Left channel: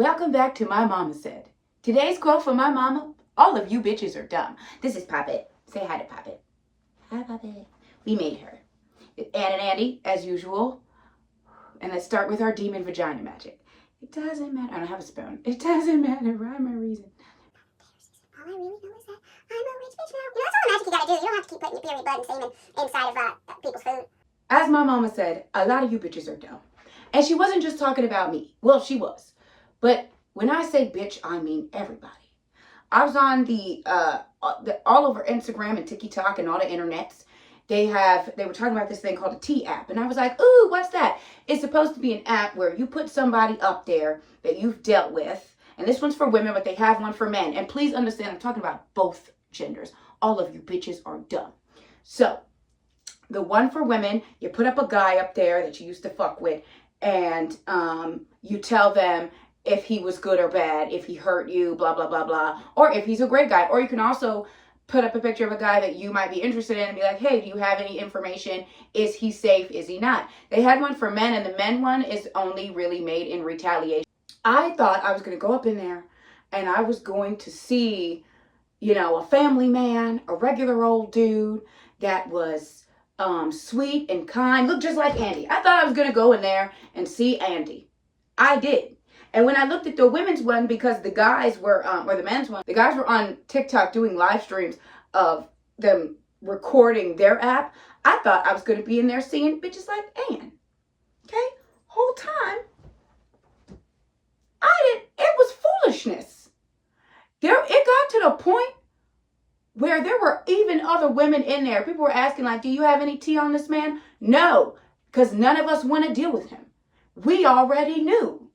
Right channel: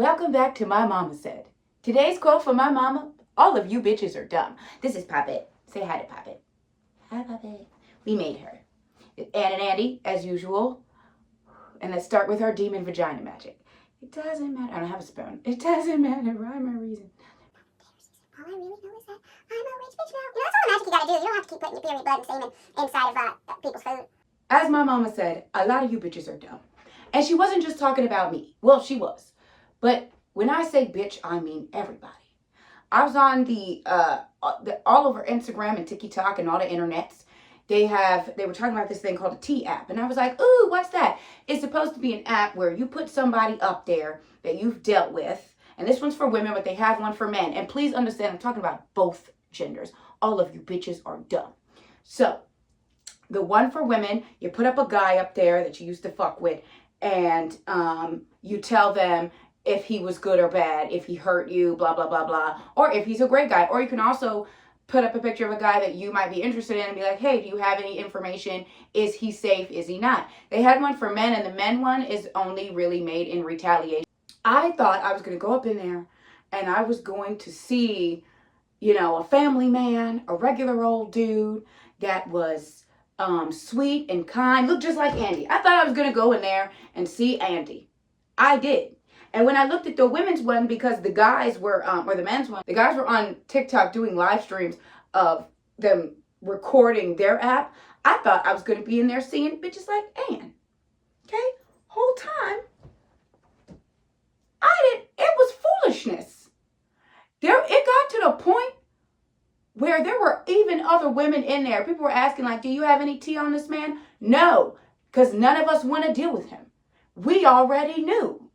Welcome back to My Mama Said. Today's quote from my mama: all of you bitches are dumb. This is Puppet. Say hi to Puppet. Hi, Puppet. We made her. Ann and Andy, as usual. And let's start with our demon vagina magic. It doesn't matter. I don't have a spoon. It doesn't matter. Rhyme or reason. All I really know is that I'm a rich bitch now. You know, that's all the magic you gotta do. You don't have to keep putting your period blood and semen inside of people's food. As my mama said, a lot of you bitches are dumb. And she wasn't just talking about me. Well, she was. But when I say bitch, I mean everybody. I was on the all over Instagram and TikTok and all the internets. They were talking about this thing called a T app. And I was like, ooh, what's that? It's supposed to be an app where you put somebody up there that you've dealt with. And this one's for women, but they have one for men. And please understand, I'm talking about both genders. All of you bitches are dumb. So the one for women, you put up a guy up there that you used to fuck with, and you tell them if he was good or bad, if he hurt you, blah, blah, blah, blah, or if he's a great guy. Or you can also put up a picture of a guy that you might be interested in and be like, hey, do you have any information? Is he safe? Is he not? They had one for men, and the men one is only really made in retaliation. I thought I was going to go up in there and I was going to see, you know, a family man, a regular old dude that was sweet and kind, looked just like Andy. I thought I was going to go in there and see Andy. I did. And when I looked at the women's one, because the guys were, or the men's one, the guys were on TikTok doing live streams of them recording their app, I thought I was going to be in there seeing bitches like Ann. Okay? Whole time, it was foolishness. It got to the point where there were even other women in there. People were asking, like, do you have any tea on this man? No, because none of us want to deal with him. We already knew.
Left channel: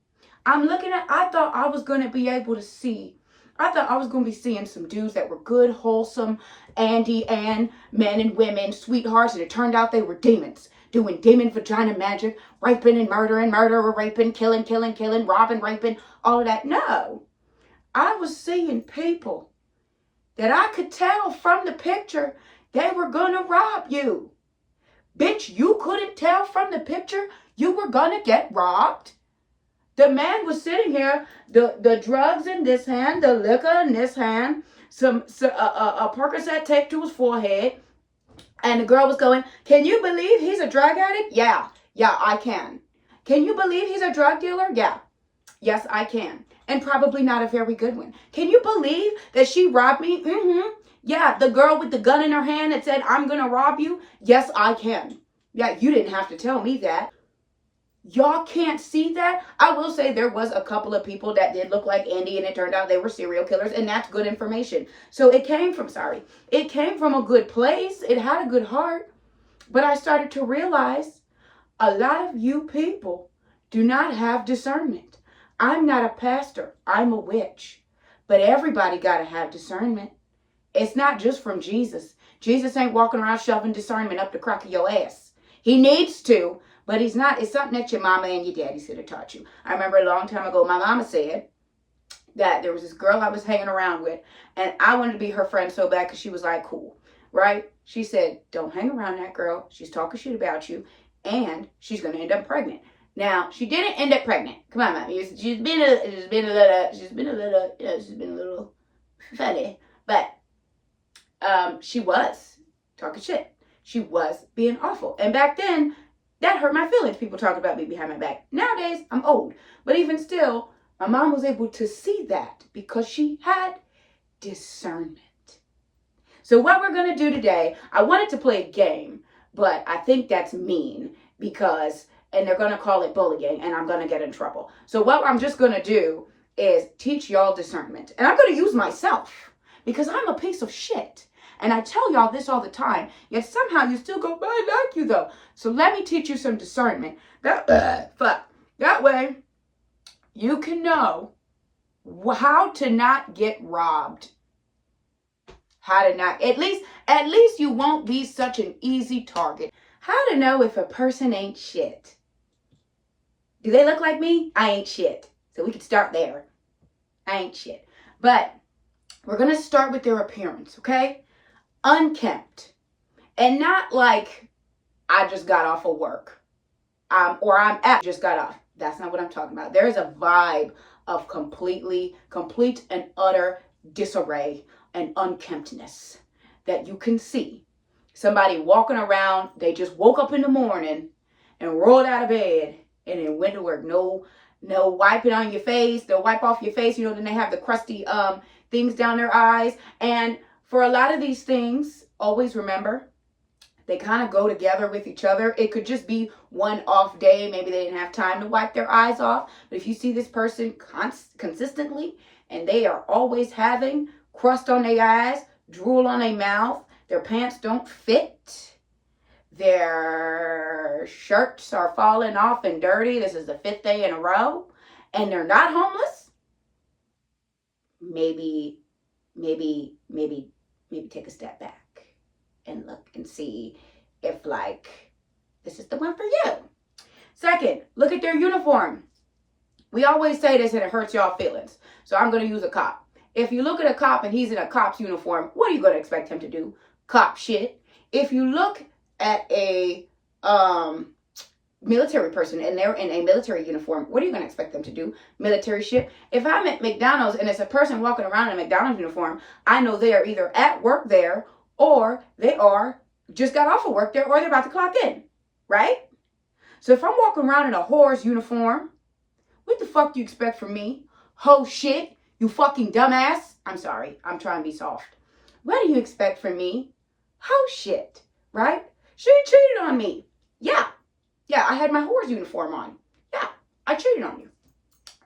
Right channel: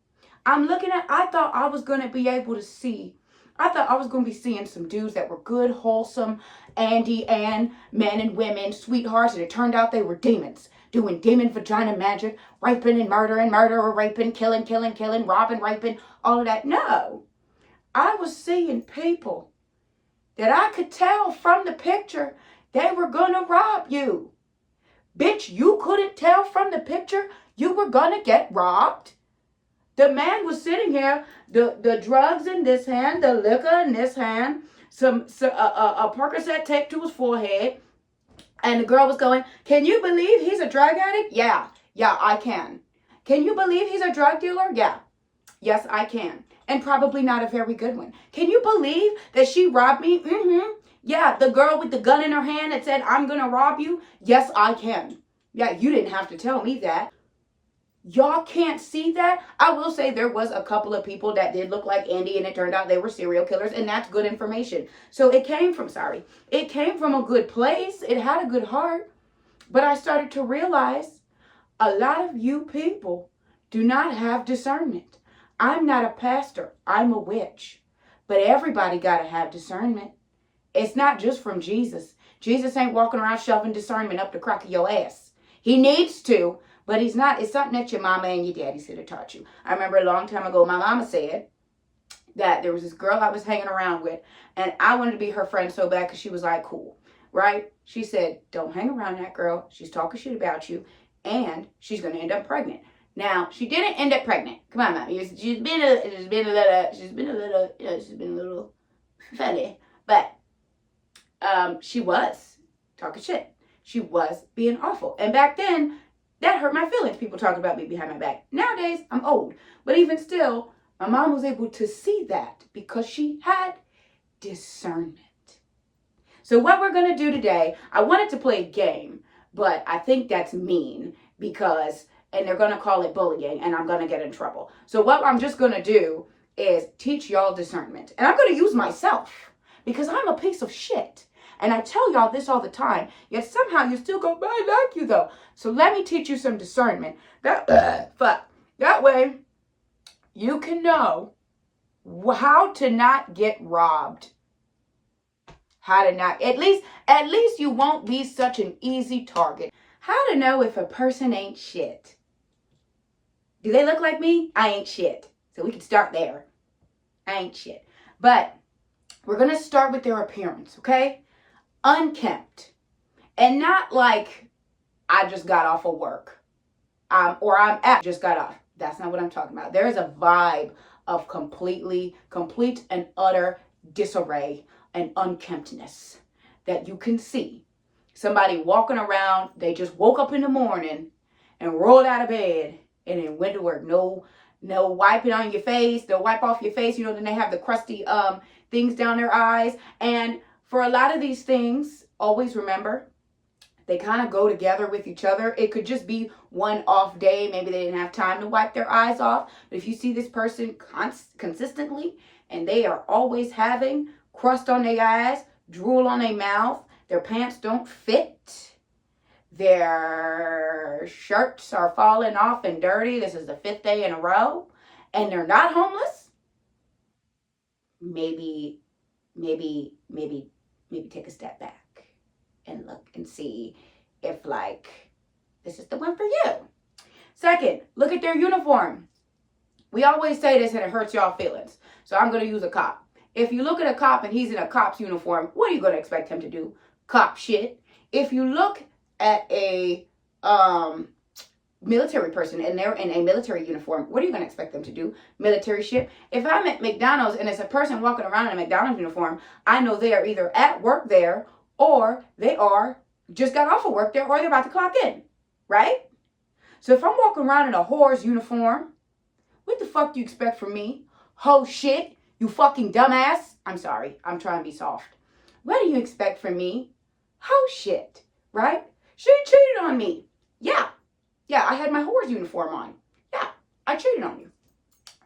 I thought I was going to be able to see. I thought I was going to be seeing some dudes that were good, wholesome, Andy and men and women, sweethearts, and it turned out they were demons, doing demon vagina magic, raping and murdering, murder, raping, killing, robbing, raping, all of that. No, I was seeing people that I could tell from the picture they were going to rob you. Bitch, you couldn't tell from the picture you were going to get robbed? The man was sitting here, the drugs in this hand, the liquor in this hand, a Percocet taped to his forehead, and the girl was going, can you believe he's a drug addict? Yeah, I can. Can you believe he's a drug dealer? Yeah, yes, I can. And probably not a very good one. Can you believe that she robbed me? Mm-hmm. Yeah, the girl with the gun in her hand that said, I'm going to rob you? Yes, I can. Yeah, you didn't have to tell me that. Y'all can't see that? I will say there was a couple of people that did look like Andy, and it turned out they were serial killers, and that's good information. So it came from a good place. It had a good heart. But I started to realize a lot of you people do not have discernment. I'm not a pastor. I'm a witch. But everybody got to have discernment. It's not just from Jesus. Jesus ain't walking around shoving discernment up the crack of your ass. He needs to. But he's not. It's something that your mama and your daddy should have taught you. I remember a long time ago, my mama said that there was this girl I was hanging around with, and I wanted to be her friend so bad because she was like cool, right? She said, don't hang around that girl. She's talking shit about you, and she's going to end up pregnant. Now, she didn't end up pregnant. Come on, mommy. She's been a little funny, but she was talking shit. She was being awful. And back then, that hurt my feelings, people talking about me behind my back. Nowadays, I'm old. But even still, my mom was able to see that because she had discernment. So what we're going to do today, I wanted to play a game, but I think that's mean because, and they're going to call it bullying, and I'm going to get in trouble. So what I'm just going to do is teach y'all discernment. And I'm going to use myself because I'm a piece of shit. And I tell y'all this all the time, yet somehow you still go, but I like you though. So let me teach you some discernment. That way you can know how to not get robbed. How to not, at least you won't be such an easy target. How to know if a person ain't shit. Do they look like me? I ain't shit. So we can start there. I ain't shit. But we're going to start with their appearance, okay? Unkempt, and not like I just got off of work, or just got off. That's not what I'm talking about. There is a vibe of complete and utter disarray and unkemptness that you can see. Somebody walking around, they just woke up in the morning and rolled out of bed and then went to work. No wiping on your face. They'll wipe off your face. Then they have the crusty things down their eyes. And for a lot of these things, always remember, they kind of go together with each other. It could just be one off day. Maybe they didn't have time to wipe their eyes off. But if you see this person consistently and they are always having crust on their eyes, drool on their mouth, their pants don't fit, their shirts are falling off and dirty, this is the 5th day in a row, and they're not homeless, maybe take a step back and look and see if this is the one for you. Second, look at their uniform. We always say this and it hurts y'all feelings, so I'm going to use a cop. If you look at a cop and he's in a cop's uniform, what are you going to expect him to do? Cop shit. If you look at a military person and they're in a military uniform, what are you going to expect them to do? Military shit. If I'm at McDonald's and it's a person walking around in a McDonald's uniform, I know they are either at work there or they are just got off of work there or they're about to clock in, right? So if I'm walking around in a whore's uniform, what the fuck do you expect from me? Ho shit, you fucking dumbass. I'm sorry, I'm trying to be soft. What do you expect from me? Ho shit, right? She cheated on me. Yeah, I had my whore's uniform on. Yeah, I cheated on you.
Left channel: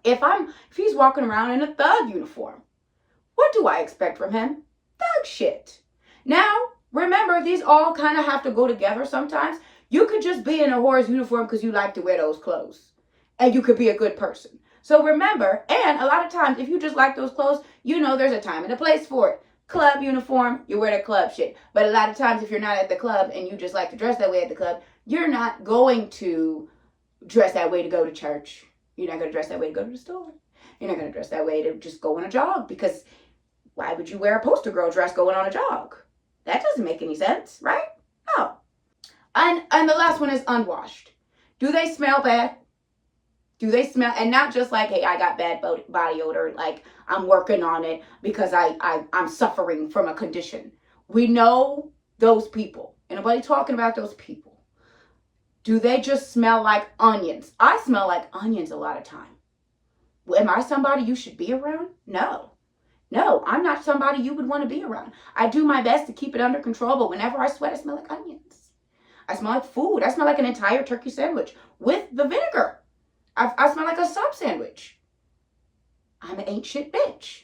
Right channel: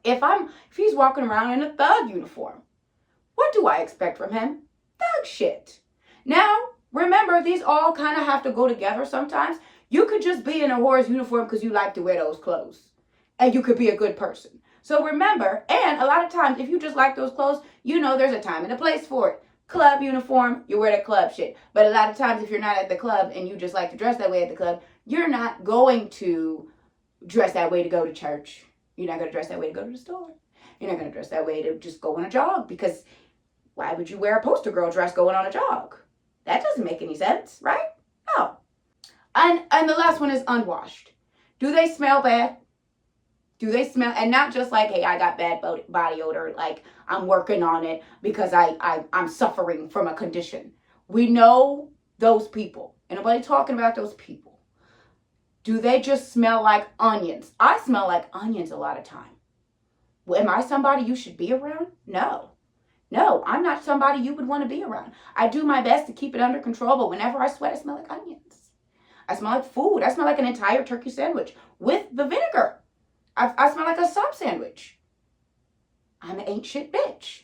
If he's walking around in a thug uniform, what do I expect from him? Thug shit. Now, remember, these all kind of have to go together sometimes. You could just be in a whore's uniform because you like to wear those clothes. And you could be a good person. So remember, and a lot of times, if you just like those clothes, there's a time and a place for it. Club uniform, you wear the club shit. But a lot of times, if you're not at the club and you just like to dress that way at the club, you're not going to dress that way to go to church. You're not going to dress that way to go to the store. You're not going to dress that way to just go on a jog, because why would you wear a poster girl dress going on a jog? That doesn't make any sense, right? No. And the last one is unwashed. Do they smell bad? Do they smell, and not just like, hey, I got bad body odor, like I'm working on it because I'm suffering from a condition. We know those people. Ain't nobody talking about those people. Do they just smell like onions? I smell like onions a lot of time. Am I somebody you should be around? No, I'm not somebody you would want to be around. I do my best to keep it under control, but whenever I sweat, I smell like onions. I smell like food. I smell like an entire turkey sandwich with the vinegar. I smell like a sub sandwich. I'm an ain't shit bitch.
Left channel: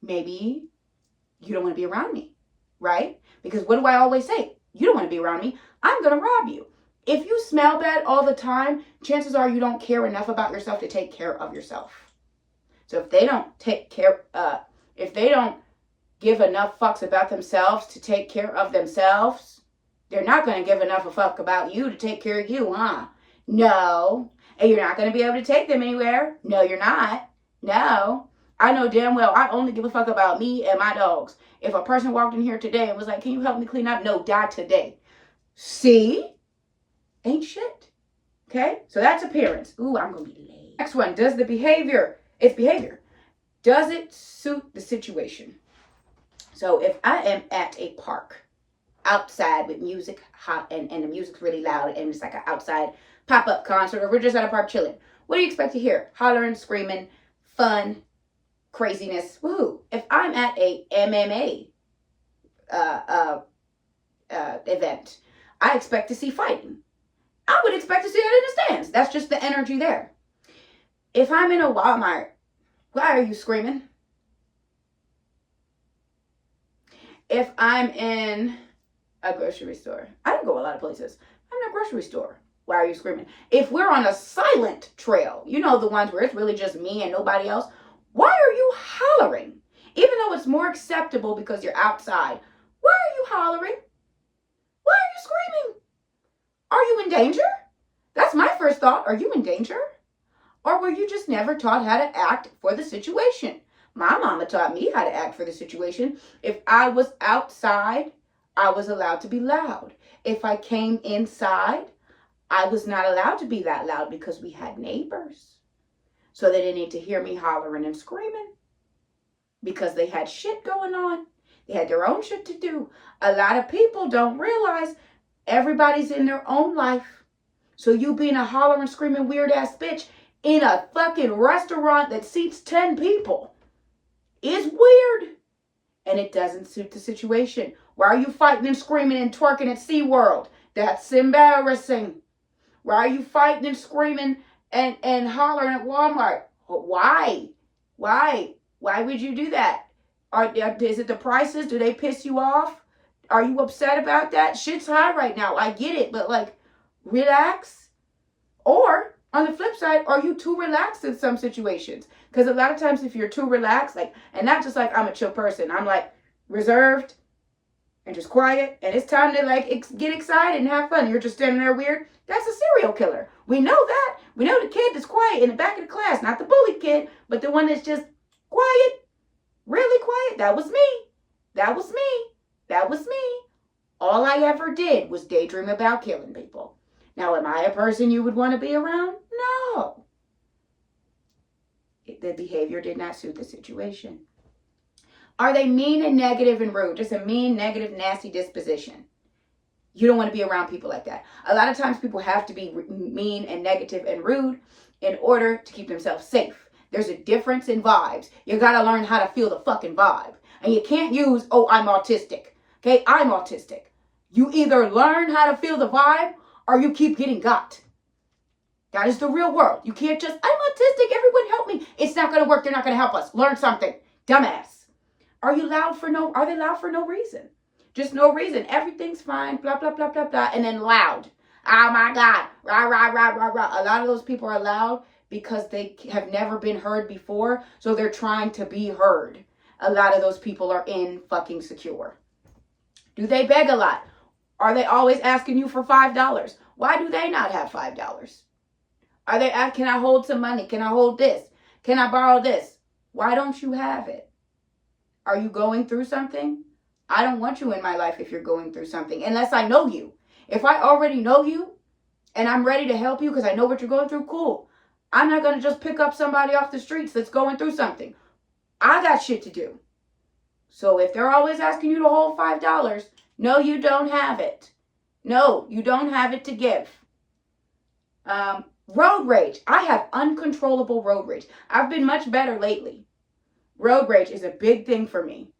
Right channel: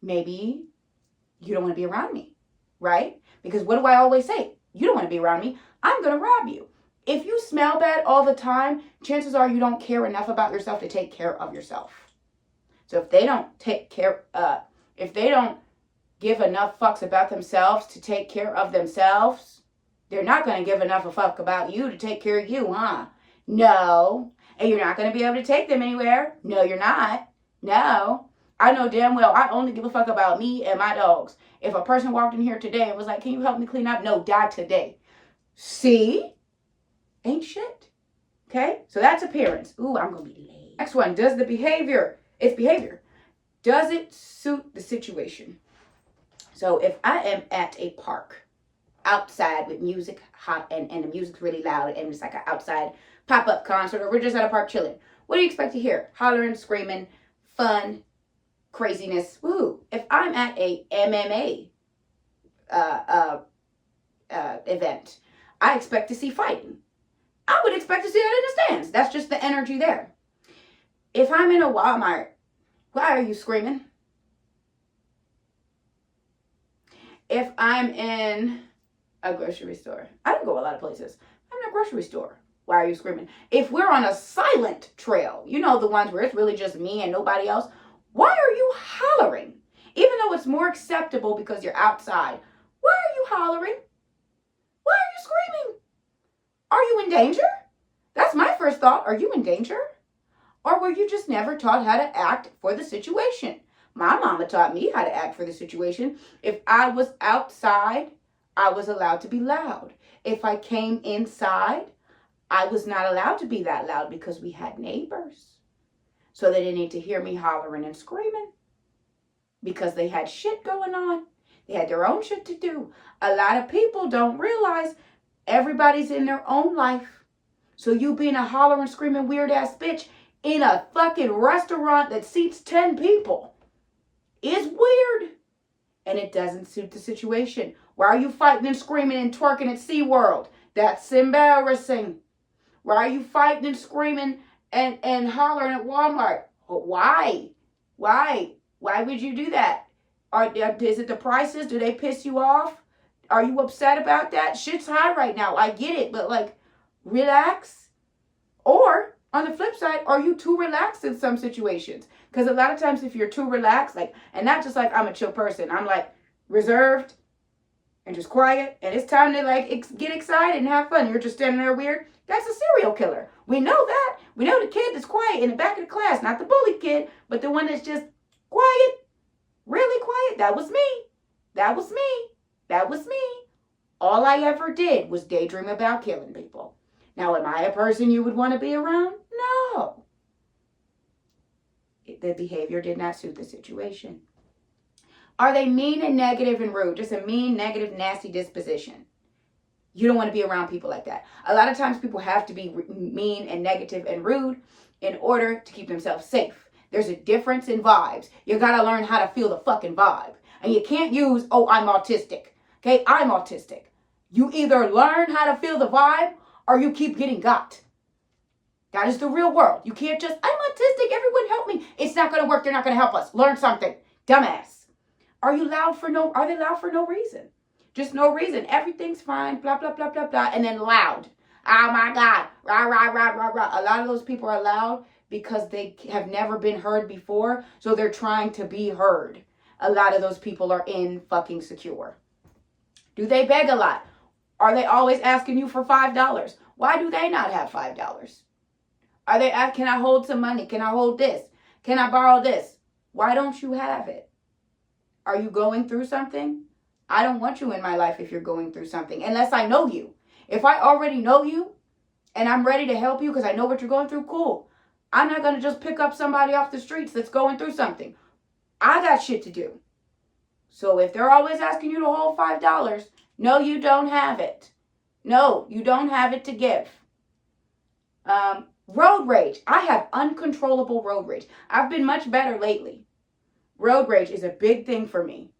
Maybe you don't want to be around me, right? Because what do I always say? You don't want to be around me. I'm going to rob you. If you smell bad all the time, chances are you don't care enough about yourself to take care of yourself. So if they don't if they don't give enough fucks about themselves to take care of themselves, they're not going to give enough a fuck about you to take care of you, huh? No. And you're not going to be able to take them anywhere. No, you're not. No. I know damn well I only give a fuck about me and my dogs. If a person walked in here today and was like, can you help me clean up? No, die today. See? Ain't shit. Okay? So that's appearance. Ooh, I'm going to be late. Next one. Does the behavior. It's behavior. Does it suit the situation? So if I am at a park outside with music hot and the music's really loud and it's like an outside pop-up concert, or we're just at a park chilling, what do you expect to hear? Hollering, screaming, fun, craziness. Woo! If I'm at a MMA event, I expect to see fighting. I would expect to see that in the stands. That's just the energy there. If I'm in a Walmart, why are you screaming? If I'm in a grocery store, I don't go a lot of places. I'm in a grocery store. Why are you screaming? If we're on a silent trail, the ones where it's really just me and nobody else, why are you hollering? Even though it's more acceptable because you're outside, why are you hollering? Why are you screaming? Are you in danger? That's my first thought. Are you in danger? Or were you just never taught how to act for the situation? My mama taught me how to act for the situation. If I was outside, I was allowed to be loud. If I came inside, I was not allowed to be that loud because we had neighbors. So they didn't need to hear me hollering and screaming because they had shit going on. They had their own shit to do. A lot of people don't realize everybody's in their own life. So you being a hollering, screaming, weird ass bitch in a fucking restaurant that seats 10 people is weird. And it doesn't suit the situation. Why are you fighting and screaming and twerking at SeaWorld? That's embarrassing. Why are you fighting and screaming and hollering at Walmart? Why? Why? Why would you do that? Is it the prices? Do they piss you off? Are you upset about that? Shit's high right now. I get it, but like, relax. Or on the flip side, are you too relaxed in some situations? Because a lot of times if you're too relaxed, like, and not just like I'm a chill person, I'm like reserved and just quiet, and it's time to like get excited and have fun. You're just standing there weird. That's a serial killer. We know that. We know the kid that's quiet in the back of the class, not the bully kid, but the one that's just quiet, really quiet. That was me. That was me. That was me. All I ever did was daydream about killing people. Now, am I a person you would want to be around? No. The behavior did not suit the situation. Are they mean and negative and rude? Just a mean, negative, nasty disposition. You don't want to be around people like that. A lot of times people have to be mean and negative and rude in order to keep themselves safe. There's a difference in vibes. You got to learn how to feel the fucking vibe. And you can't use, oh, I'm autistic. Okay, I'm autistic. You either learn how to feel the vibe or you keep getting got. That is the real world. You can't just, I'm autistic, everyone help me. It's not going to work. They're not going to help us. Learn something. Dumbass. Are they loud for no reason? Just no reason. Everything's fine, blah, blah, blah, blah, blah. And then loud. Oh my God. Rah, rah, rah, rah, rah. A lot of those people are loud because they have never been heard before. So they're trying to be heard. A lot of those people are fucking secure. Do they beg a lot? Are they always asking you for $5? Why do they not have $5? Are they asking, can I hold some money? Can I hold this? Can I borrow this? Why don't you have it? Are you going through something? I don't want you in my life if you're going through something, unless I know you. If I already know you and I'm ready to help you because I know what you're going through, cool. I'm not going to just pick up somebody off the streets that's going through something. I got shit to do. So if they're always asking you to hold $5, no, you don't have it. No, you don't have it to give. Road rage. I have uncontrollable road rage. I've been much better lately. Road rage is a big thing for me.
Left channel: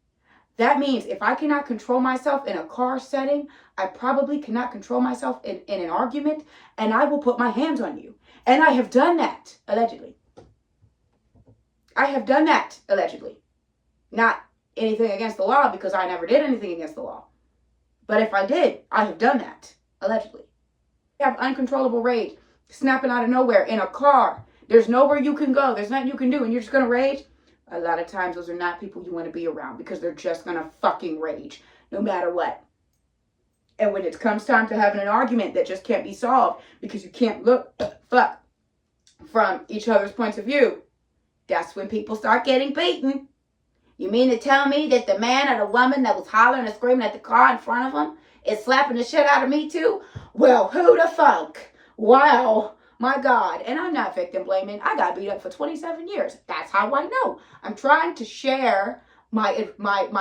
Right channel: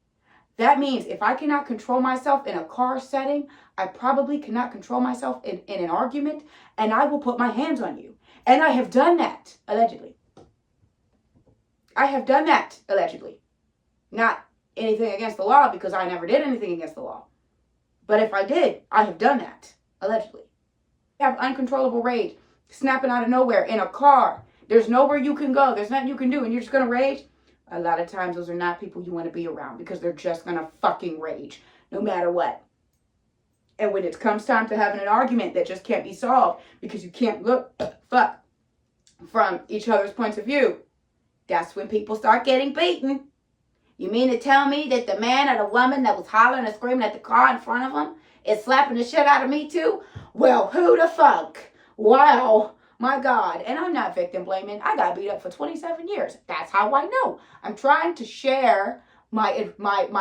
That means if I cannot control myself in a car setting, I probably cannot control myself in an argument, and I will put my hands on you. And I have done that, allegedly. I have done that, allegedly. Not anything against the law, because I never did anything against the law. But if I did, I have done that, allegedly. You have uncontrollable rage, snapping out of nowhere in a car. There's nowhere you can go. There's nothing you can do, and you're just going to rage. A lot of times, those are not people you want to be around because they're just going to fucking rage no matter what. And when it comes time to having an argument that just can't be solved because you can't look from each other's points of view, that's when people start getting beaten. You mean to tell me that the man or the woman that was hollering and screaming at the car in front of them is slapping the shit out of me too? Well, who the fuck? Wow. My God. And I'm not victim blaming. I got beat up for 27 years. That's how I know. I'm trying to share my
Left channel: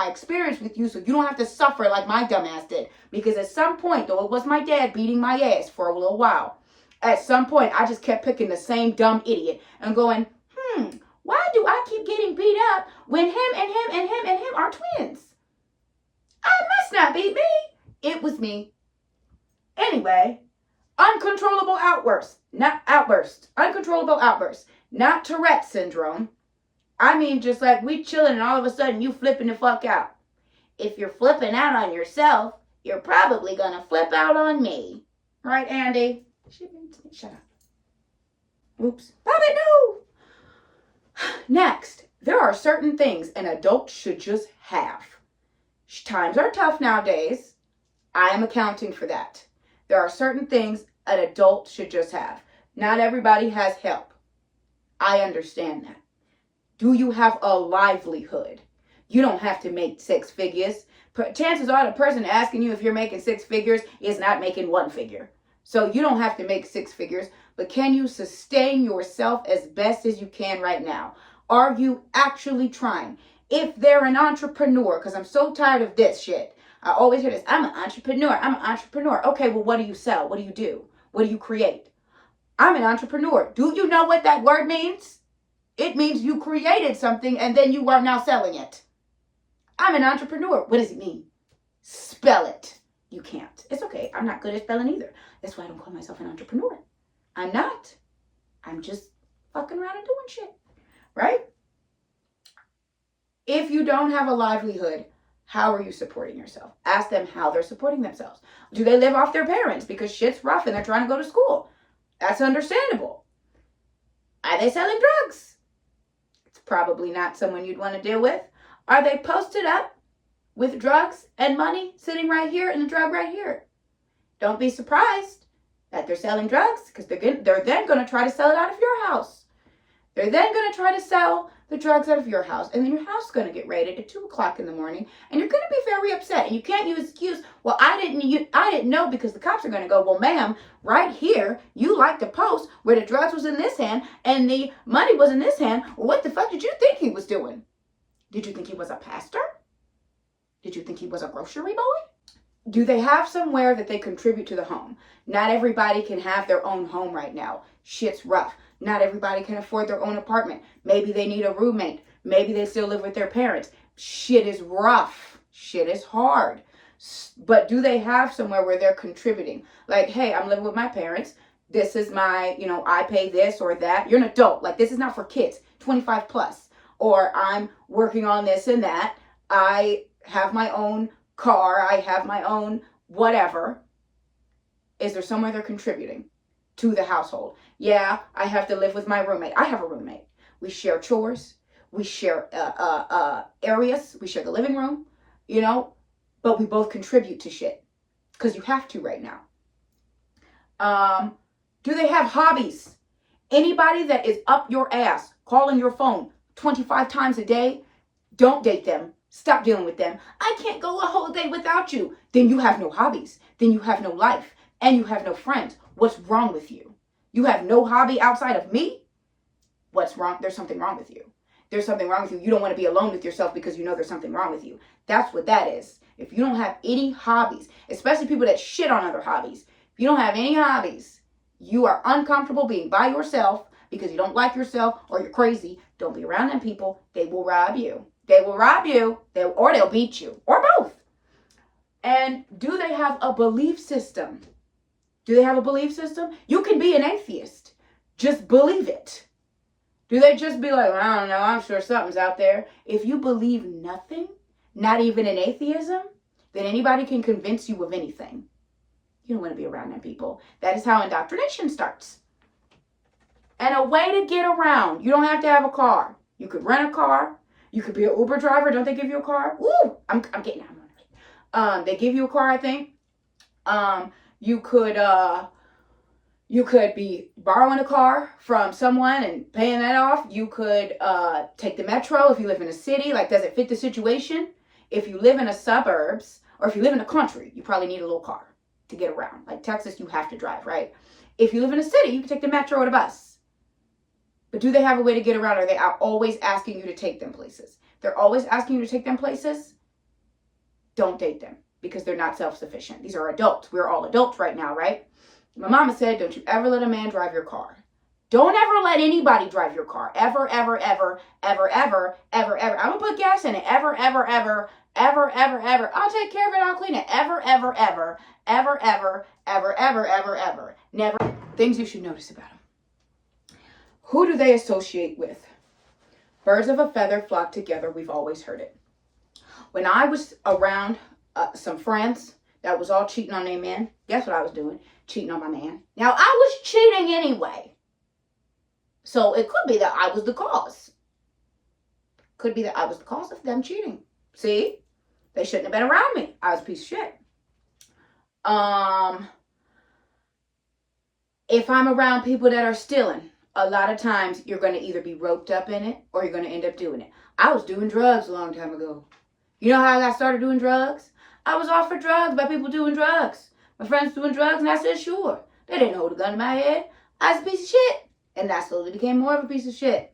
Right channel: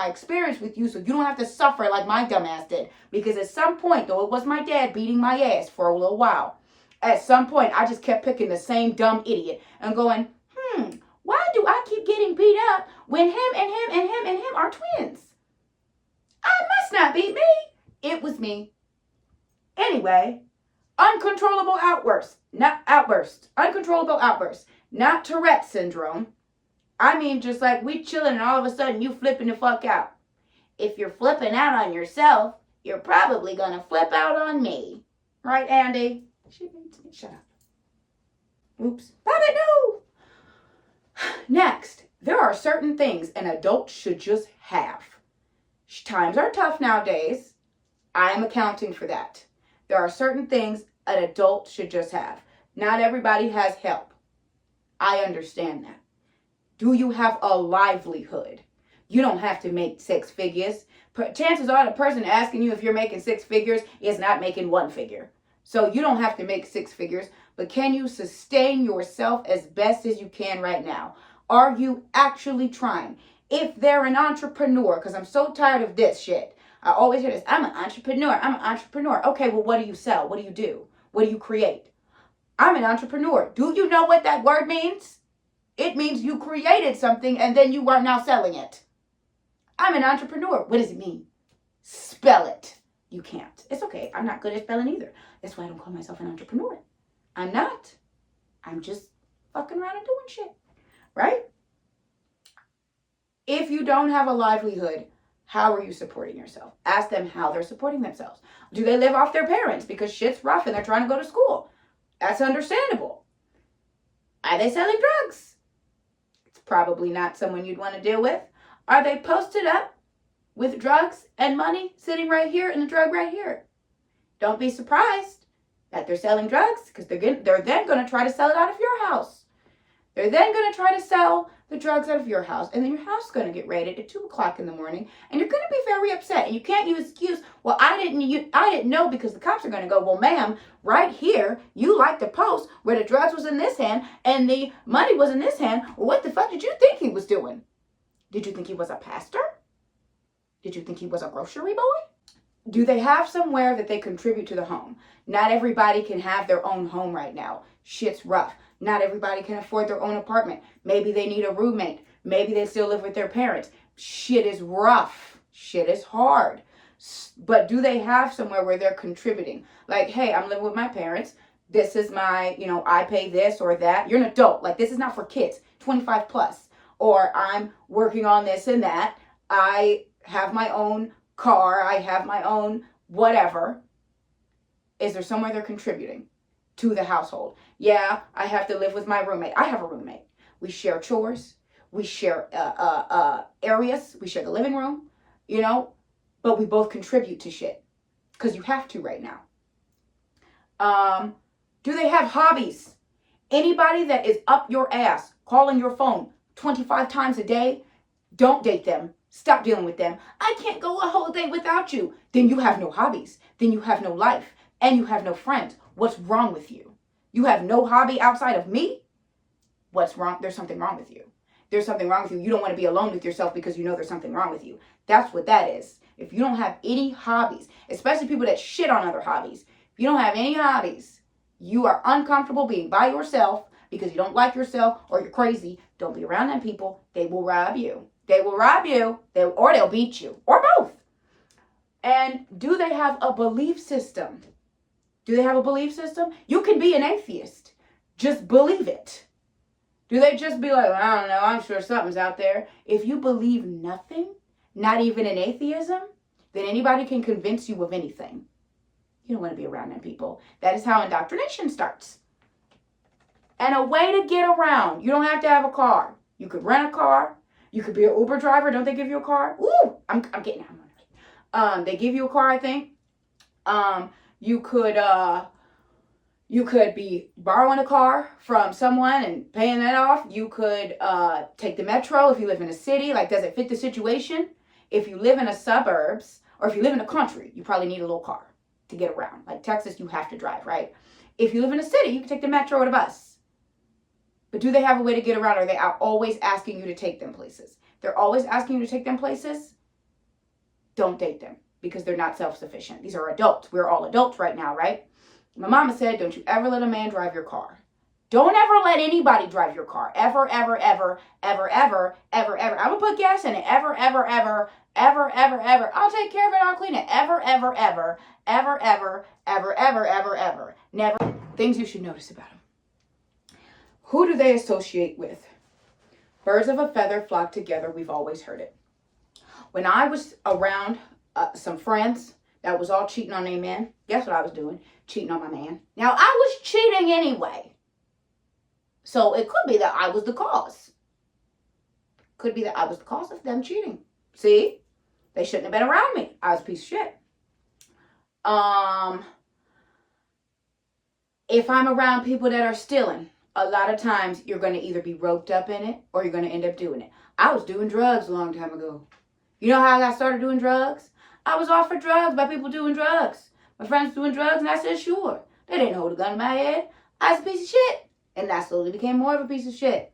experience with you so you don't have to suffer like my dumbass did. Because at some point, though it was my dad beating my ass for a little while, at some point I just kept picking the same dumb idiot and going, why do I keep getting beat up when him and him and him and him are twins? It must not be me. It was me. Anyway, uncontrollable outbursts. Uncontrollable outbursts. Not Tourette syndrome. I mean, just like we chilling and all of a sudden you flipping the fuck out. If you're flipping out on yourself, you're probably going to flip out on me. Right, Andy? Shut up. Oops. Bobby, no! Next, there are certain things an adult should just have. Times are tough nowadays. I am accounting for that. There are certain things an adult should just have. Not everybody has help. I understand that. Do you have a livelihood? You don't have to make 6 figures. Chances are the person asking you if you're making 6 figures is not making 1 figure. So you don't have to make 6 figures, but can you sustain yourself as best as you can right now? Are you actually trying? If they're an entrepreneur, because I'm so tired of this shit. I always hear this, I'm an entrepreneur. Okay, well, what do you sell? What do you do? What do you create? I'm an entrepreneur. Do you know what that word means? It means you created something and then you are now selling it. I'm an entrepreneur. What does it mean? Spell it. You can't. It's okay. I'm not good at spelling either. That's why I don't call myself an entrepreneur. I'm not. I'm just fucking around and doing shit. Right? If you don't have a livelihood, how are you supporting yourself? Ask them how they're supporting themselves. Do they live off their parents because shit's rough and they're trying to go to school? That's understandable. Are they selling drugs? It's probably not someone you'd want to deal with. Are they posted up with drugs and money sitting right here and a drug right here? Don't be surprised that they're selling drugs, because they're then going to try to sell it out of your house. They're then going to try to sell the drugs out of your house, and then your house is going to get raided at 2 o'clock in the morning, and you're going to be very upset, and you can't use excuse, well, I didn't know, because the cops are going to go, well, ma'am, right here, you liked the post where the drugs was in this hand and the money was in this hand. What the fuck did you think he was doing? Did you think he was a pastor? Did you think he was a grocery boy? Do they have somewhere that they contribute to the home? Not everybody can have their own home right now. Shit's rough. Not everybody can afford their own apartment. Maybe they need a roommate. Maybe they still live with their parents. Shit is rough. Shit is hard. But do they have somewhere where they're contributing? Like, hey, I'm living with my parents. This is my, I pay this or that. You're an adult. Like, this is not for kids, 25 plus. Or I'm working on this and that. I have my own car. I have my own whatever. Is there somewhere they're contributing to the household? Yeah, I have to live with my roommate. I have a roommate. We share chores. We share areas. We share the living room, but we both contribute to shit because you have to right now. Do they have hobbies? Anybody that is up your ass, calling your phone 25 times a day, don't date them. Stop dealing with them. I can't go a whole day without you. Then you have no hobbies. Then you have no life. And you have no friends. What's wrong with you? You have no hobby outside of me? What's wrong? There's something wrong with you. There's something wrong with you. You don't want to be alone with yourself because you know there's something wrong with you. That's what that is. If you don't have any hobbies, especially people that shit on other hobbies, if you don't have any hobbies, you are uncomfortable being by yourself because you don't like yourself or you're crazy. Don't be around them people. They will rob you. They will rob you, or they'll beat you, or both. And do they have a belief system? Do they have a belief system? You can be an atheist. Just believe it. Do they just be like, I don't know, I'm sure something's out there? If you believe nothing, not even in atheism, then anybody can convince you of anything. You don't want to be around them people. That is how indoctrination starts. And a way to get around. You don't have to have a car. You could rent a car. You could be an Uber driver. Don't they give you a car? Ooh, I'm getting out. They give you a car, I think. You could be borrowing a car from someone and paying that off. You could take the metro if you live in a city. Like, does it fit the situation? If you live in the suburbs or if you live in the country, you probably need a little car to get around. Like Texas, you have to drive, right? If you live in a city, you can take the metro or the bus. But do they have a way to get around? Or are they always asking you to take them places? They're always asking you to take them places. Don't date them because they're not self-sufficient. These are adults. We're all adults right now, right? My mama said, don't you ever let a man drive your car. Don't ever let anybody drive your car. Ever, ever, ever, ever, ever, ever, ever. I'm going to put gas in it. Ever, ever, ever, ever, ever, ever. I'll take care of it. I'll clean it. Ever, ever, ever, ever, ever, ever, ever, ever, ever. Never. Things you should notice about them. Who do they associate with? Birds of a feather flock together. We've always heard it. When I was around some friends that was all cheating on their man, guess what I was doing? Cheating on my man. Now, I was cheating anyway. So it could be that I was the cause. Could be that I was the cause of them cheating. See? They shouldn't have been around me. I was a piece of shit. If I'm around people that are stealing, a lot of times you're going to either be roped up in it or you're going to end up doing it. I was doing drugs a long time ago. You know how I got started doing drugs? I was offered drugs by people doing drugs. My friends doing drugs, and I said, sure. They didn't hold a gun to my head. I was a piece of shit. And that slowly became more of a piece of shit.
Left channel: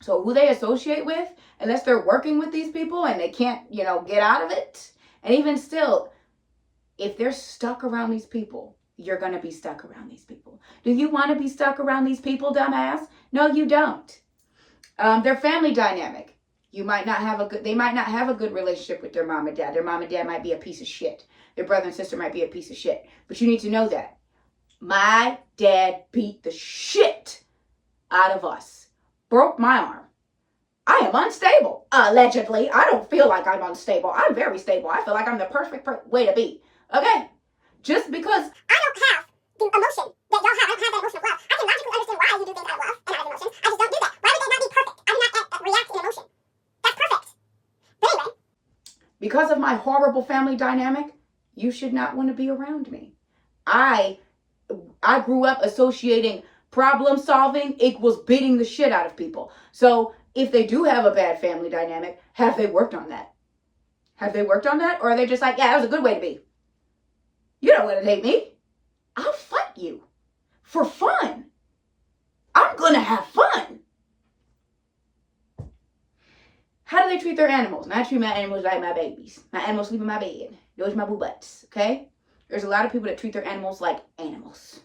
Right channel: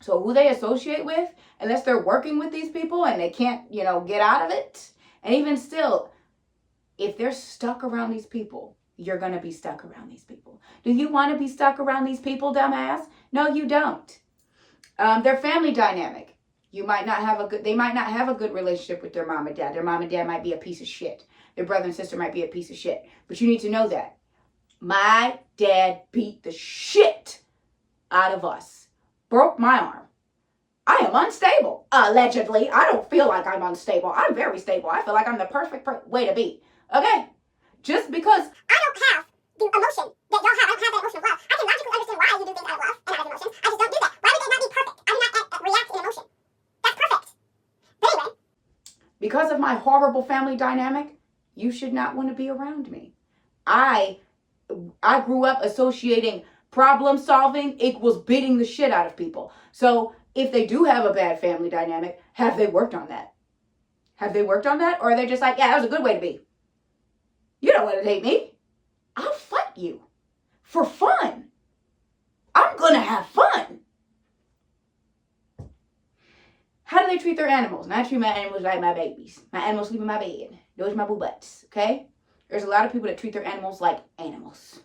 So who they associate with, unless they're working with these people and they can't, get out of it. And even still, if they're stuck around these people, you're going to be stuck around these people. Do you want to be stuck around these people, dumbass? No, you don't. Their family dynamic. They might not have a good relationship with their mom and dad. Their mom and dad might be a piece of shit. Their brother and sister might be a piece of shit. But you need to know that. My dad beat the shit out of us. Broke my arm. I am unstable. Allegedly. I don't feel like I'm unstable. I'm very stable. I feel like I'm the perfect way to be. Okay? Just because I don't have the emotion that y'all have. I don't have that emotion of love. I can logically understand why you do things out of love and out of emotion. I just don't do that. Why would they not be perfect? I do not react in emotion. That's perfect. But anyway. Because of my horrible family dynamic, you should not want to be around me. I grew up associating problem solving equals beating the shit out of people. So if they do have a bad family dynamic, have they worked on that? Have they worked on that? Or are they just like, yeah, that was a good way to be? You don't want to date me. I'll fight you for fun. I'm going to have fun. How do they treat their animals? And I treat my animals like my babies. My animals sleep in my bed. Those are my boo butts, okay? There's a lot of people that treat their animals like animals.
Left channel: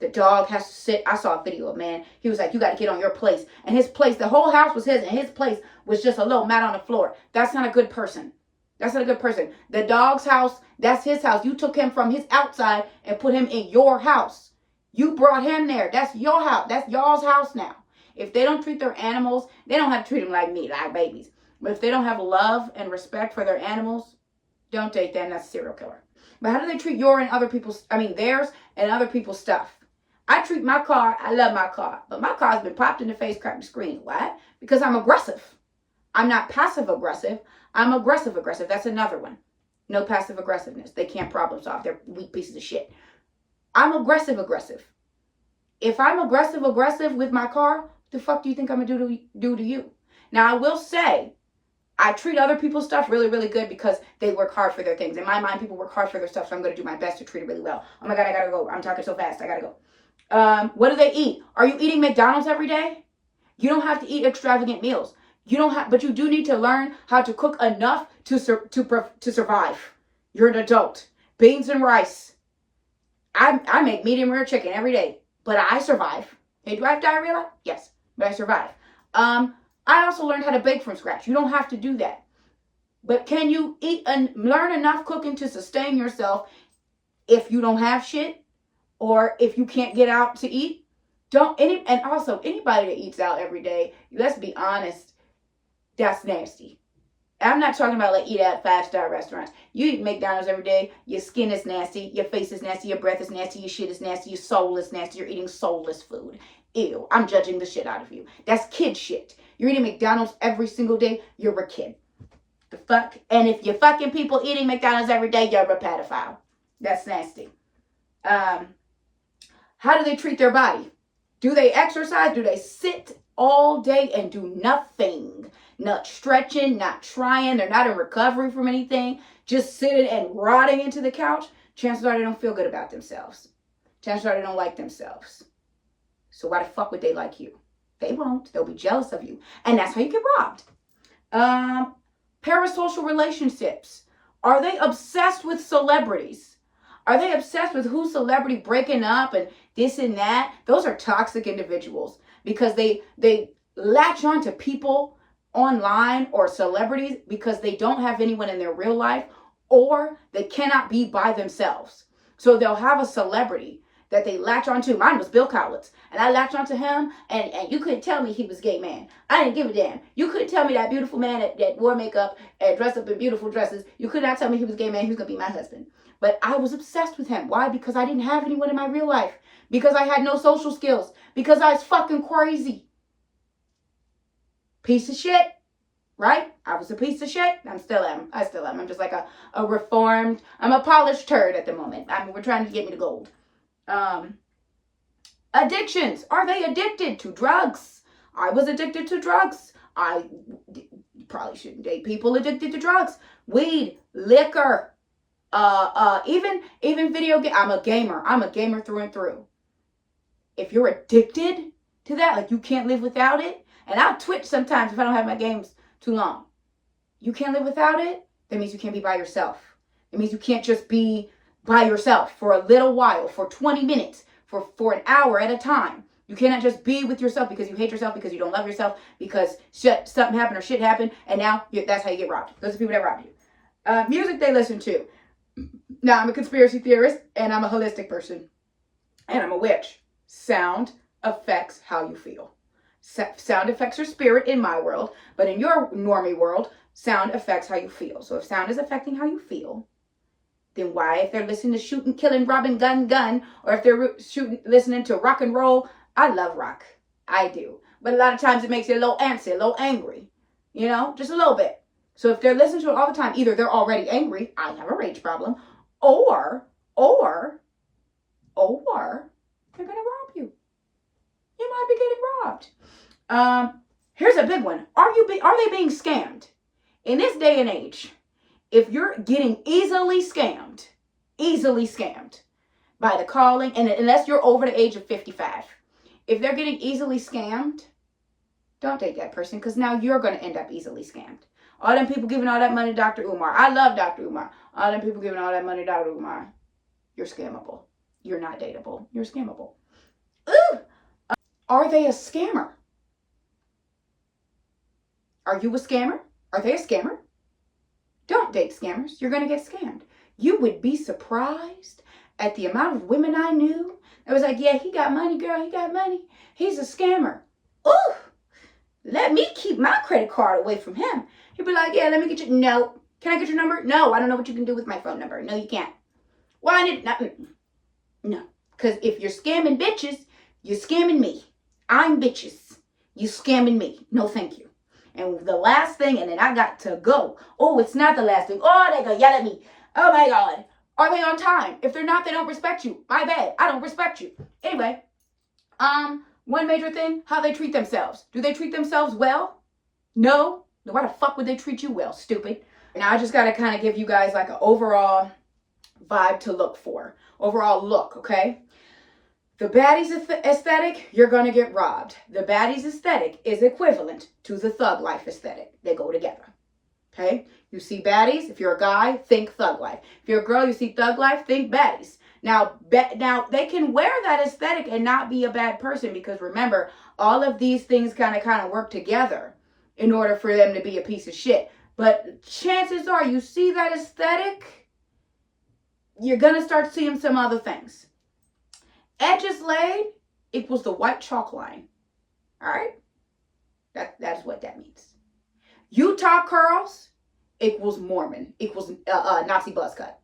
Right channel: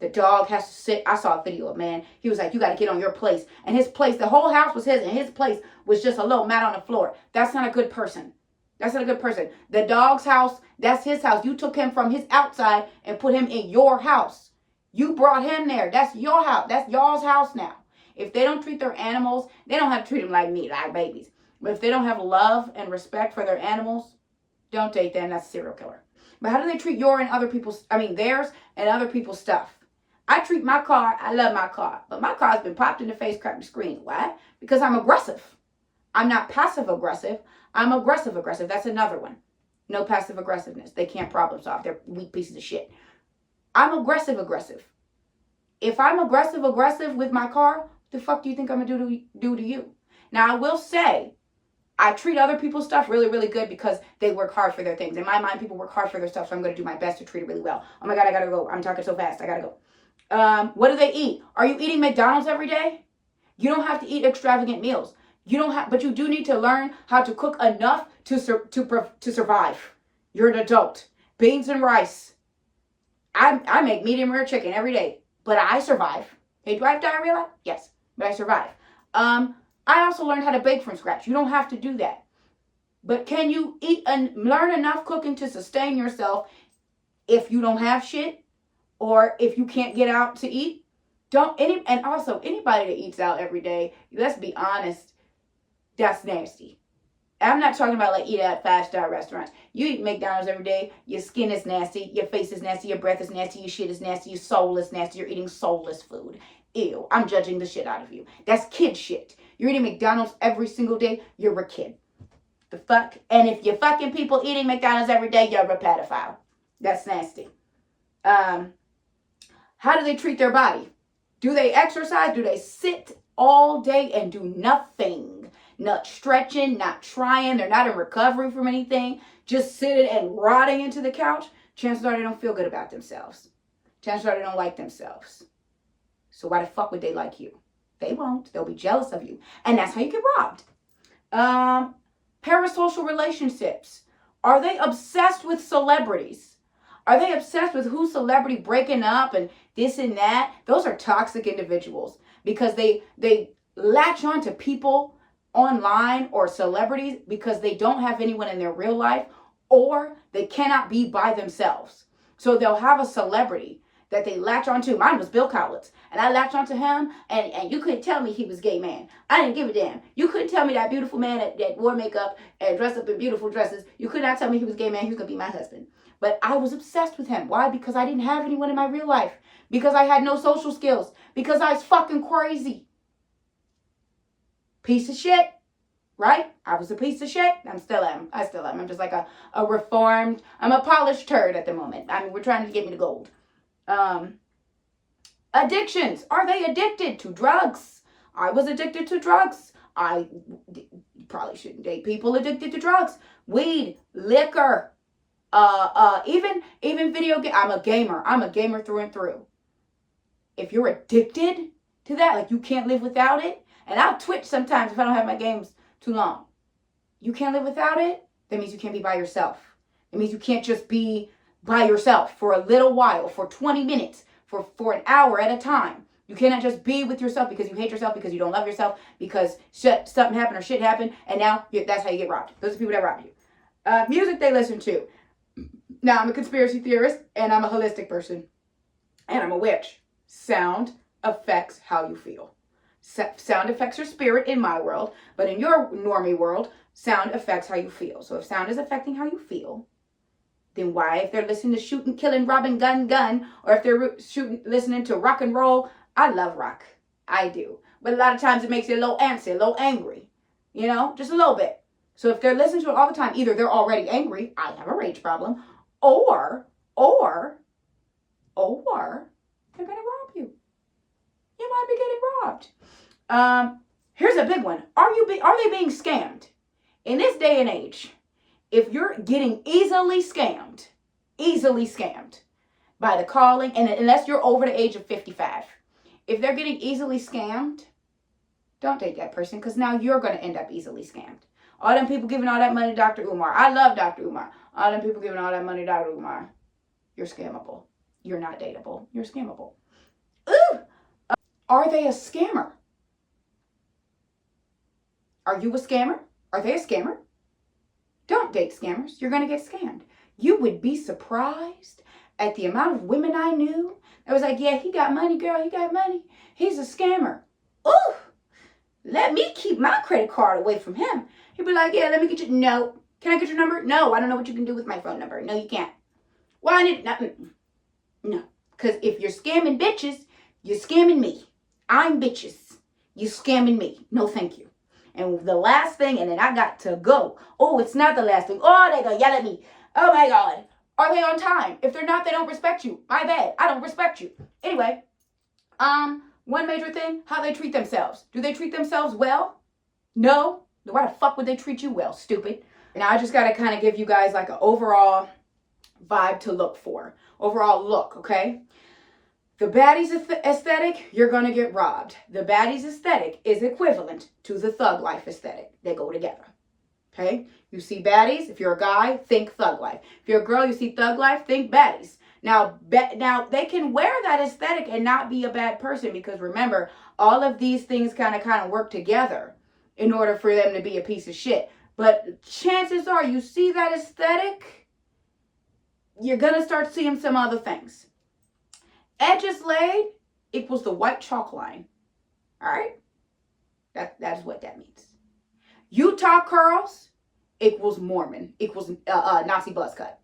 The dog has to sit. I saw a video of a man. He was like, you got to get on your place. And his place, the whole house was his, and his place was just a little mat on the floor. That's not a good person. That's not a good person. The dog's house, that's his house. You took him from his outside and put him in your house. You brought him there. That's your house. That's y'all's house now. If they don't treat their animals, they don't have to treat them like me, like babies. But if they don't have love and respect for their animals, don't date them. That's a serial killer. But how do they treat theirs and other people's stuff? I treat my car, I love my car, but my car's been popped in the face, cracked the screen. Why? Because I'm aggressive. I'm not passive aggressive. I'm aggressive aggressive. That's another one. No passive aggressiveness. They can't problem solve. They're weak pieces of shit. I'm aggressive aggressive. If I'm aggressive aggressive with my car, what the fuck do you think I'm going to do to you? Now, I will say, I treat other people's stuff really, really good because they work hard for their things. In my mind, people work hard for their stuff, so I'm going to do my best to treat it really well. Oh my God, I got to go. I'm talking so fast. I got to go. What do they eat? Are you eating McDonald's every day? You don't have to eat extravagant meals. But you do need to learn how to cook enough to survive. You're an adult. Beans and rice. I make medium rare chicken every day, but I survive. Hey, do I have diarrhea? Yes, but I survive. I also learned how to bake from scratch. You don't have to do that. But can you eat and learn enough cooking to sustain yourself if you don't have shit or if you can't get out to eat? And also anybody that eats out every day, let's be honest, that's nasty. I'm not talking about like eat at 5-star restaurants. You eat McDonald's every day, your skin is nasty, your face is nasty, your breath is nasty, your shit is nasty, your soul is nasty, you're eating soulless food. Ew, I'm judging the shit out of you. That's kid shit. You're eating McDonald's every single day, you're a kid. The fuck? And if you're fucking people eating McDonald's every day, you're a pedophile. That's nasty. How do they treat their body? Do they exercise? Do they sit all day and do nothing? Not stretching, not trying. They're not in recovery from anything. Just sitting and rotting into the couch. Chances are they don't feel good about themselves. Chances are they don't like themselves. So why the fuck would they like you? They won't. They'll be jealous of you. And that's how you get robbed. Parasocial relationships. Are they obsessed with celebrities? Are they obsessed with who celebrity breaking up and this and that? Those are toxic individuals because they latch on to people online or celebrities because they don't have anyone in their real life or they cannot be by themselves. So they'll have a celebrity that they latch onto. Mine was Bill Kaulitz, and I latched onto him, and you couldn't tell me he was a gay man. I didn't give a damn. You couldn't tell me that beautiful man that wore makeup and dressed up in beautiful dresses. You could not tell me he was a gay man. He was going to be my husband. But I was obsessed with him. Why? Because I didn't have anyone in my real life. Because I had no social skills. Because I was fucking crazy. Piece of shit. Right? I was a piece of shit. I still am. I'm just like a reformed, I'm a polished turd at the moment. We're trying to get me to gold. Addictions. Are they addicted to drugs? I was addicted to drugs. I probably shouldn't date people addicted to drugs. Weed, liquor, even video game. I'm a gamer through and through. if you're addicted to that, like you can't live without it, and I'll twitch sometimes if I don't have my games too long. You can't live without it, that means you can't be by yourself. It means you can't just be by yourself for a little while, for 20 minutes, for an hour at a time. You cannot just be with yourself because you hate yourself, because you don't love yourself, because something happened or shit happened, and now that's how you get robbed. Those are people that rob you. Music they listen to. Now, I'm a conspiracy theorist, and I'm a holistic person, and I'm a witch. Sound affects how you feel. Sound affects your spirit in my world, but in your normie world, sound affects how you feel. So if sound is affecting how you feel, then why, if they're listening to shooting, killing, robbing, gun, or if they're listening to rock and roll, I love rock. I do. But a lot of times it makes you a little antsy, a little angry. You know, just a little bit. So if they're listening to it all the time, either they're already angry, I have a rage problem, or they're going to rob you. You might be getting robbed. Here's a big one. Are they being scammed? In this day and age, if you're getting easily scammed by the calling, and unless you're over the age of 55, if they're getting easily scammed, don't date that person, because now you're going to end up easily scammed. All them people giving all that money to Dr. Umar. I love Dr. Umar. All them people giving all that money to Dr. Umar. You're scammable. You're not dateable. You're scammable. Ooh! Are they a scammer? Are you a scammer? Are they a scammer? Don't date scammers. You're going to get scammed. You would be surprised at the amount of women I knew that was like, yeah, he got money, girl. He got money. He's a scammer. Ooh! Let me keep my credit card away from him. He'd be like, yeah, let me get you. No. Can I get your number? No, I don't know what you can do with my phone number. No, you can't. Why? I need nothing. No. Because if you're scamming bitches, you're scamming me. I'm bitches. You scamming me. No, thank you. And the last thing, and then I got to go. Oh, it's not the last thing. Oh, they're going to yell at me. Oh, my God. Are they on time? If they're not, they don't respect you. My bad. I don't respect you. Anyway, one major thing, how they treat themselves. Do they treat themselves well? No. Why the fuck would they treat you well, stupid? Now, I just got to kind of give you guys like an overall vibe to look for. Overall look, okay? The baddies aesthetic, you're going to get robbed. The baddies aesthetic is equivalent to the thug life aesthetic. They go together. Okay? You see baddies, if you're a guy, think thug life. If you're a girl, you see thug life, think baddies. Now they can wear that aesthetic and not be a bad person, because remember, all of these things kind of work together in order for them to be a piece of shit. But chances are, you see that aesthetic, you're going to start seeing some other things. Edges laid equals the white chalk line. All right? That is what that means. Utah curls equals Mormon, equals Nazi buzz cut.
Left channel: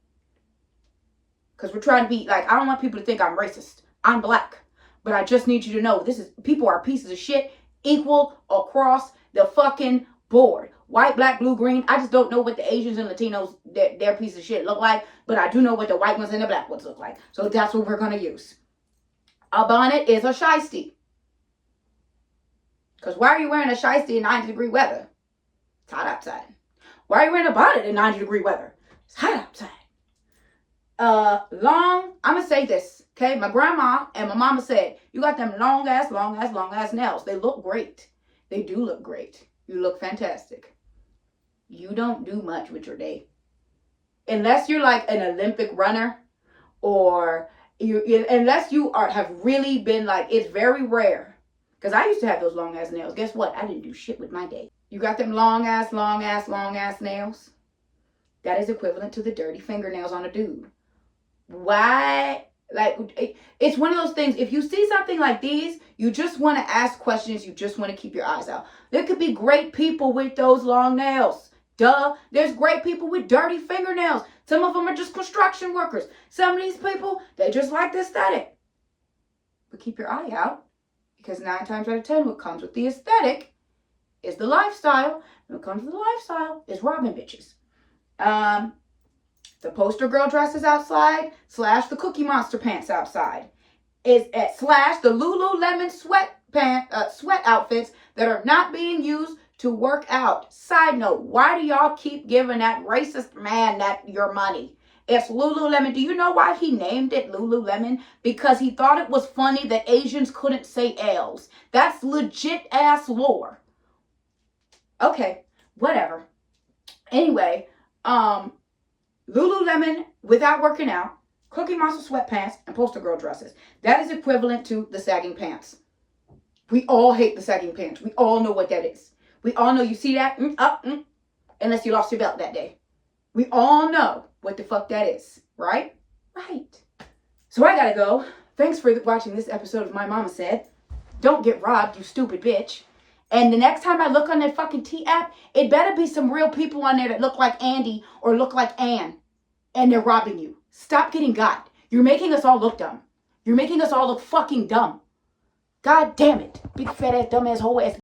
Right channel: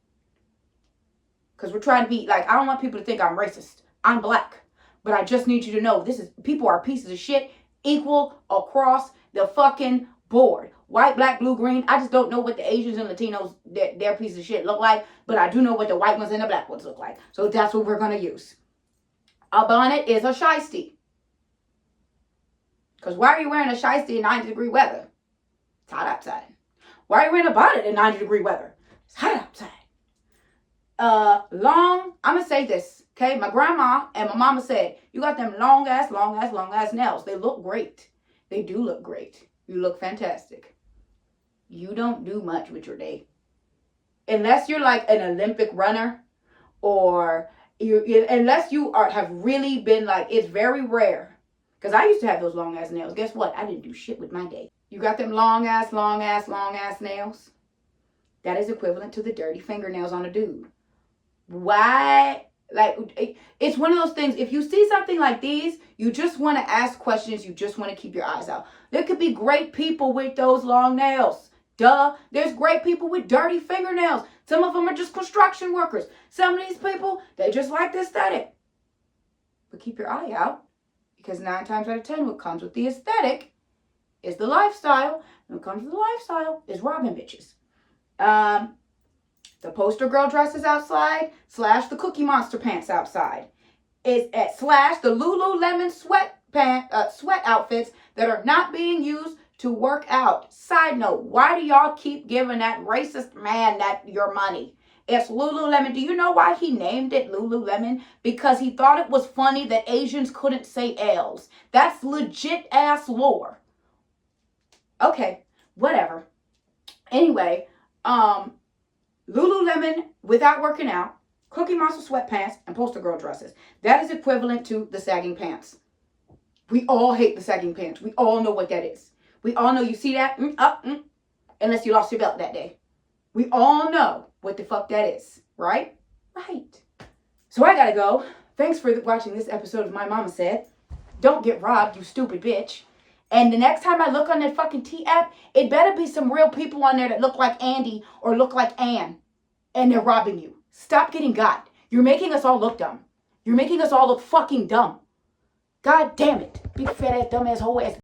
Because we're trying to be like, I don't want people to think I'm racist. I'm black. But I just need you to know, people are pieces of shit equal across the fucking board. White, black, blue, green. I just don't know what the Asians and Latinos, their pieces of shit look like. But I do know what the white ones and the black ones look like. So that's what we're going to use. A bonnet is a shiesty. Because why are you wearing a shiesty in 90-degree weather? It's hot outside. Why are you wearing a bonnet in 90-degree weather? It's hot outside. I'm going to say this, okay? My grandma and my mama said, you got them long ass nails. They look great. They do look great. You look fantastic. You don't do much with your day. Unless you're like an Olympic runner, or unless you have really been like, it's very rare. Because I used to have those long ass nails. Guess what? I didn't do shit with my day. You got them long ass nails. That is equivalent to the dirty fingernails on a dude. Why? Like, it's one of those things. If you see something like these, you just want to ask questions. You just want to keep your eyes out. There could be great people with those long nails. Duh. There's great people with dirty fingernails. Some of them are just construction workers. Some of these people, they just like the aesthetic. But keep your eye out, because 9 times out of 10, what comes with the aesthetic is the lifestyle. And what comes with the lifestyle is robbing bitches. The poster girl dresses outside, / the Cookie Monster pants outside. Is at / the Lululemon sweat outfits that are not being used to work out. Side note, why do y'all keep giving that racist man your money? It's Lululemon. Do you know why he named it Lululemon? Because he thought it was funny that Asians couldn't say L's. That's legit ass lore. Okay, whatever. Anyway, Lululemon without working out, Cookie Monster sweatpants, and poster girl dresses. That is equivalent to the sagging pants. We all hate the sagging pants. We all know what that is. We all know, you see that? Unless you lost your belt that day. We all know what the fuck that is, right? Right. So I gotta go. Thanks for watching this episode of My Mama Said. Don't get robbed, you stupid bitch. And the next time I look on that fucking T app, it better be some real people on there that look like Andy or look like Ann. And they're robbing you. Stop getting got. You're making us all look dumb. You're making us all look fucking dumb. God damn it. Big fat ass, dumb ass, whole ass.